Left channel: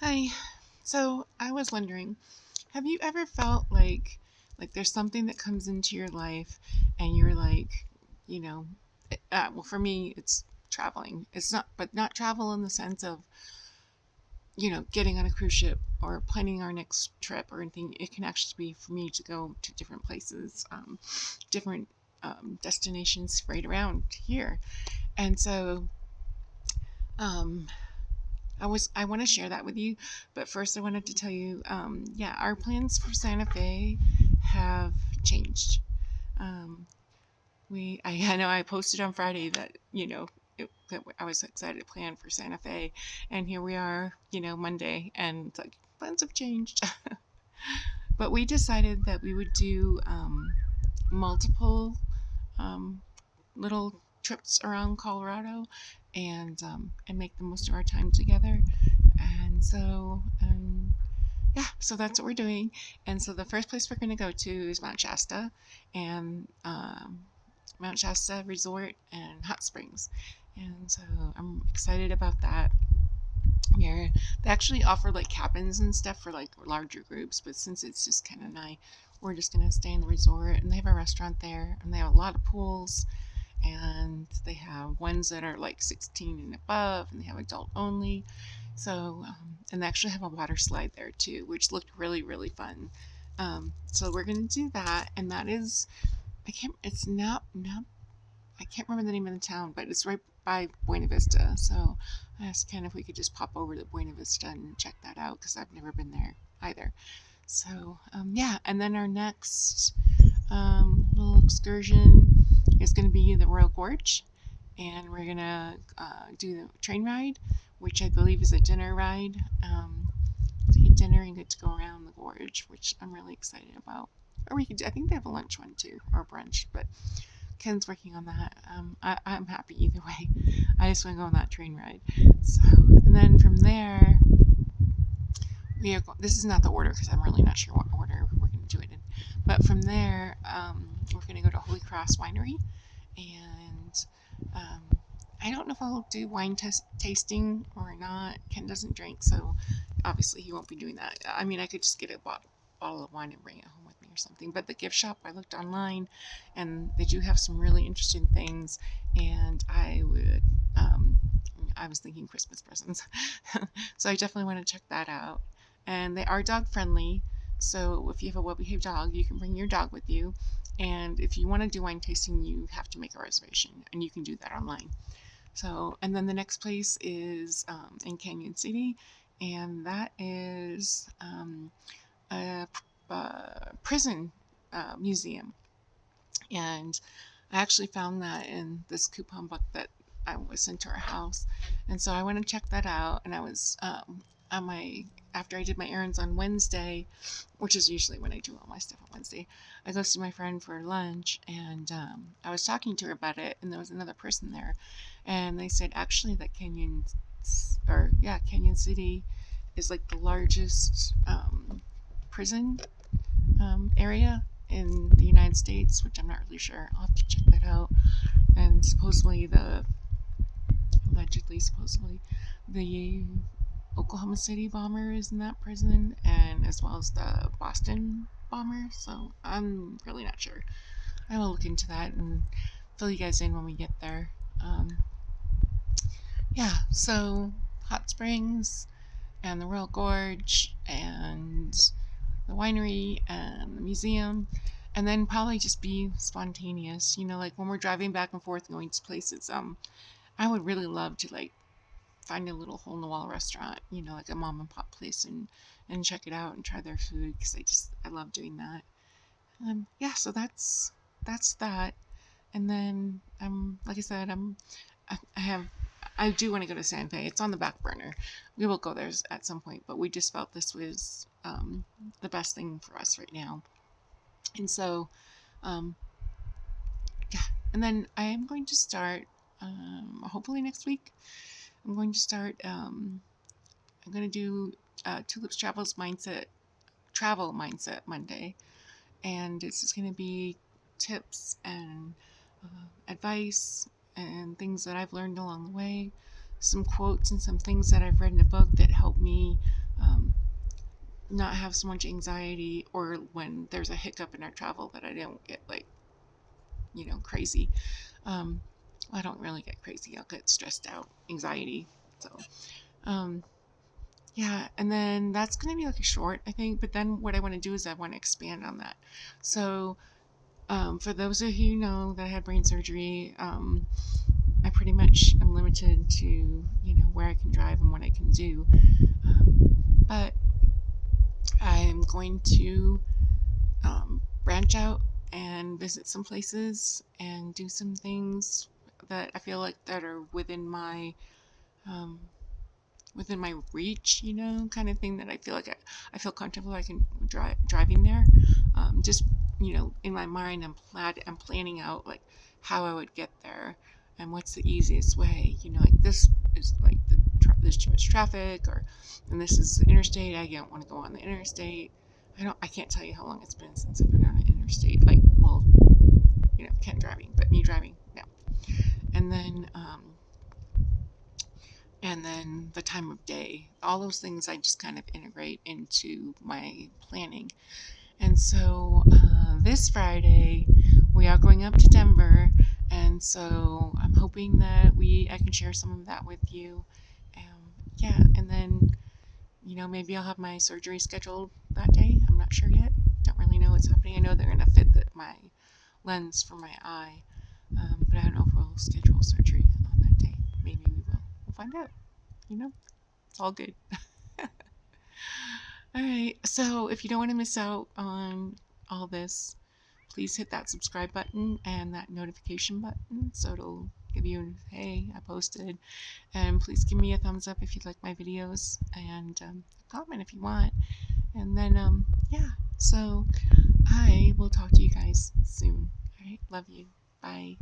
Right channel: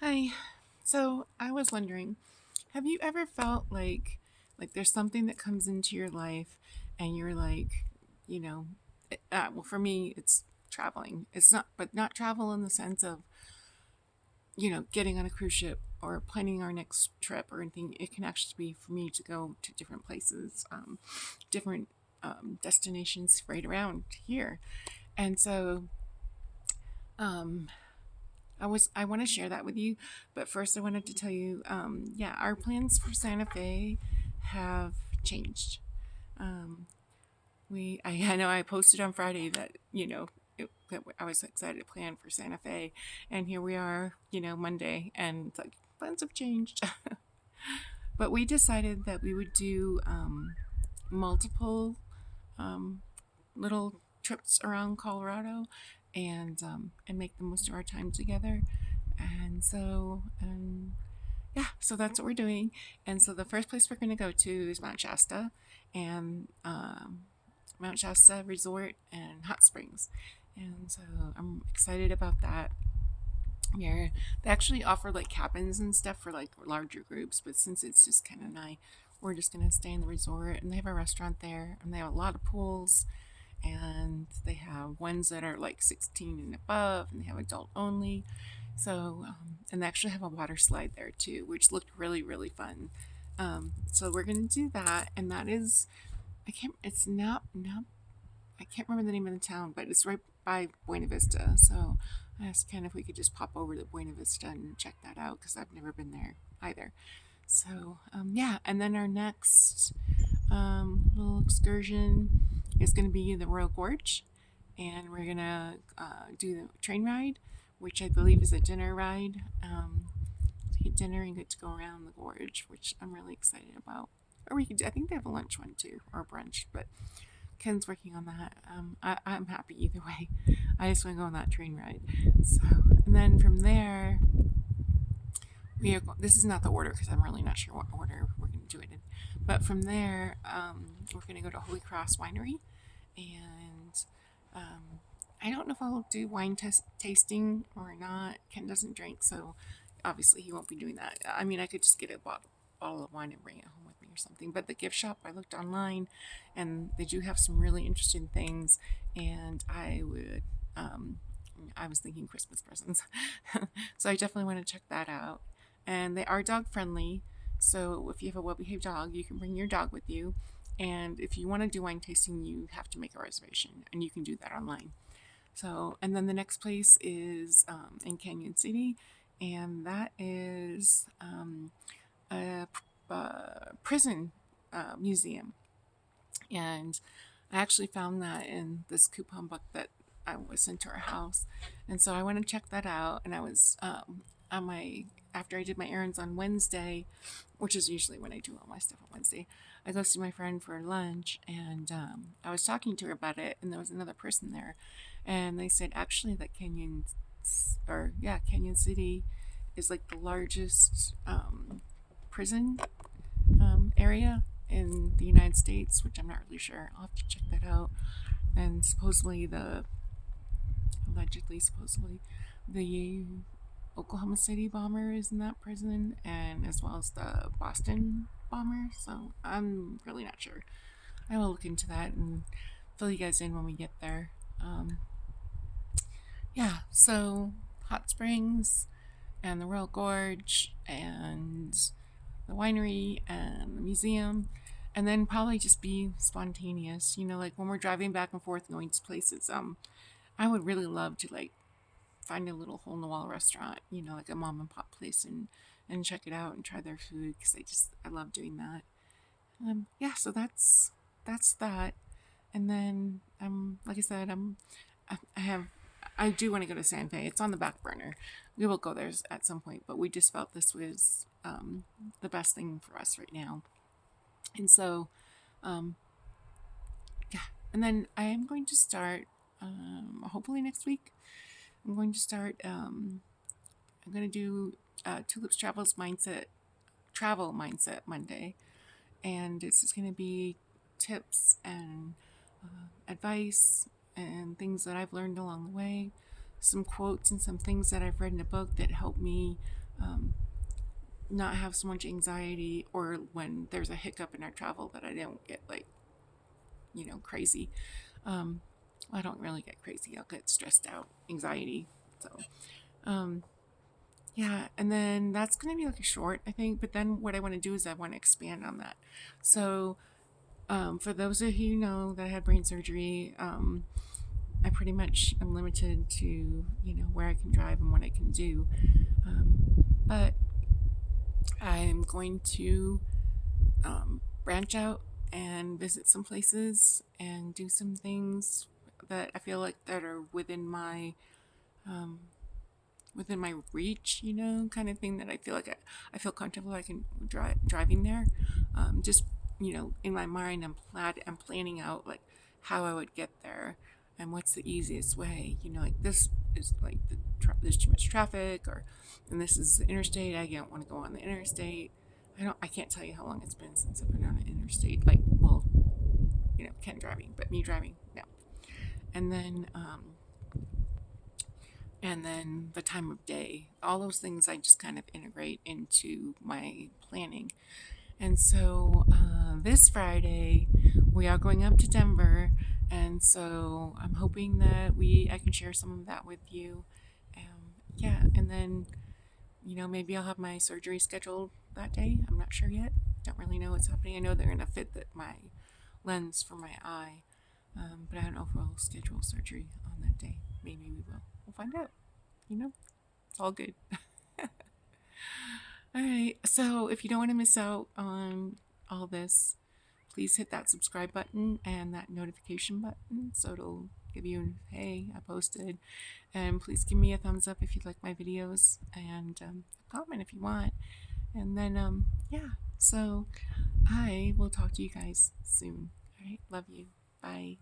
Hi. So I was wondering, have you ever felt like there's something that comes into your life and you're like, you know, well for me it's traveling. It's not but not travel in the sense of, getting on a cruise ship or planning our next trip or anything. It can actually be for me to go to different places, different destinations right around here. And so um, I want to share that with you, but first I wanted to tell you, yeah, our plans for Santa Fe have changed. Um, I know I posted on Friday that that I was excited to plan for Santa Fe, and here we are, Monday, and it's like plans have changed. But we decided that we would do multiple um, little trips around Colorado, and make the most of our time together. And so, yeah, so that's what we're doing. And so the first place we're going to go to is Mount Shasta, and Mount Shasta Resort and Hot Springs. And so I'm excited about that. Yeah, they actually offer like cabins and stuff for like larger groups, but since it's just kind of nice, we're just gonna stay in the resort. And they have a restaurant there, and they have a lot of pools, and they have ones that are like 16 and above, and they have adult only. So, and they actually have a water slide there too, which looked really, really fun. So we're gonna do that, and that is, it's not, I can't remember the name of the town, but it's right by Buena Vista. So I asked Ken if we could just pop over to Buena Vista and check that out because I've never been there either. So, yeah, and then our next little excursion is going to be the Royal Gorge, and we're going to do the train ride, which I believe is a dinner ride. To get dinner and get to go around the gorge, which I'm really excited about. Or we could, I think they have a lunch one too, or brunch, but Ken's working on that. I'm happy either way. I just want to go on that train ride. So, and then from there, this is not the order because I'm really not sure what order we're going to do it in. But from there, we're going to go to Holy Cross Winery, and I don't know if I'll do wine tasting or not. Ken doesn't drink, so obviously he won't be doing that. I mean, I could just get a bottle of wine and bring it home with me or something. But the gift shop, I looked online, and they do have some really interesting things, and I was thinking Christmas presents, so I definitely want to check that out. And they are dog friendly, so if you have a well-behaved dog, you can bring your dog with you. And if you want to do wine tasting, you have to make a reservation, and you can do that online. So, and then the next place is in Canyon City, and that is a prison museum. And I actually found that in this coupon book that I was sent to our house, and so I went and checked that out. And I was on my after I did my errands on Wednesday, which is usually when I do all my stuff on Wednesday. I go see my friend for lunch, and I was talking to her about it, and there was another person there, and they said actually that Canyon City is like the largest prison area in the United States, which I'm not really sure. I'll have to check that out. And supposedly, the Oklahoma City bomber is in that prison, and as well as the Boston bomber. So I'm really not sure. I will look into that and fill you guys in when we get there. Yeah, so hot springs and the Royal Gorge and the winery and the museum, and then probably just be spontaneous. Like when we're driving back and forth going to places. I would really love to like find a little hole in the wall restaurant, like a mom and pop place, and check it out and try their food because I love doing that. Yeah, so that's that. And then like I said, I have I do want to go to Santa Fe. It's on the back burner. We will go there at some point, but we just felt this was the best thing for us right now. And so, um, yeah. And then I am going to start, hopefully next week, I'm going to start, I'm going to do Tulips Travel Mindset Monday. And it's just going to be tips and advice and things that I've learned along the way, some quotes and some things that I've read in a book that help me um, not have so much anxiety, or when there's a hiccup in our travel, that I don't get like, crazy. Um, I don't really get crazy. I'll get stressed out, anxiety. So, um, yeah. And then that's going to be like a short, I think. But then what I want to do is I want to expand on that. So, for those of you who know that I had brain surgery, I pretty much am limited to, where I can drive and what I can do. But I'm going to branch out and visit some places and do some things that I feel like that are um, within my reach, kind of thing, that I feel like I feel comfortable I can driving there. Just, in my mind, I'm planning out like how I would get there and what's the easiest way. Like this is like there's too much traffic, or and this is the interstate. I don't want to go on the interstate. I can't tell you how long it's been since I've been on an interstate. Like, well, Ken driving, but me driving, no. And then the time of day, all those things I just kind of integrate into my planning. And so this Friday we are going up to Denver, and so I'm hoping that I can share some of that with you. Yeah, and then maybe I'll have my surgery scheduled that day. I'm not sure yet. Don't really know what's happening. I know they're gonna fit my lens for my eye, but I don't know if we'll schedule surgery on that day. Maybe we will. We'll find out. It's all good. All right. So if you don't want to miss out on all this, please hit that subscribe button and that notification button so it'll give you, hey, I posted. And please give me a thumbs up if you like my videos, and comment if you want. And then, yeah. So I will talk to you guys soon. All right. Love you. Bye.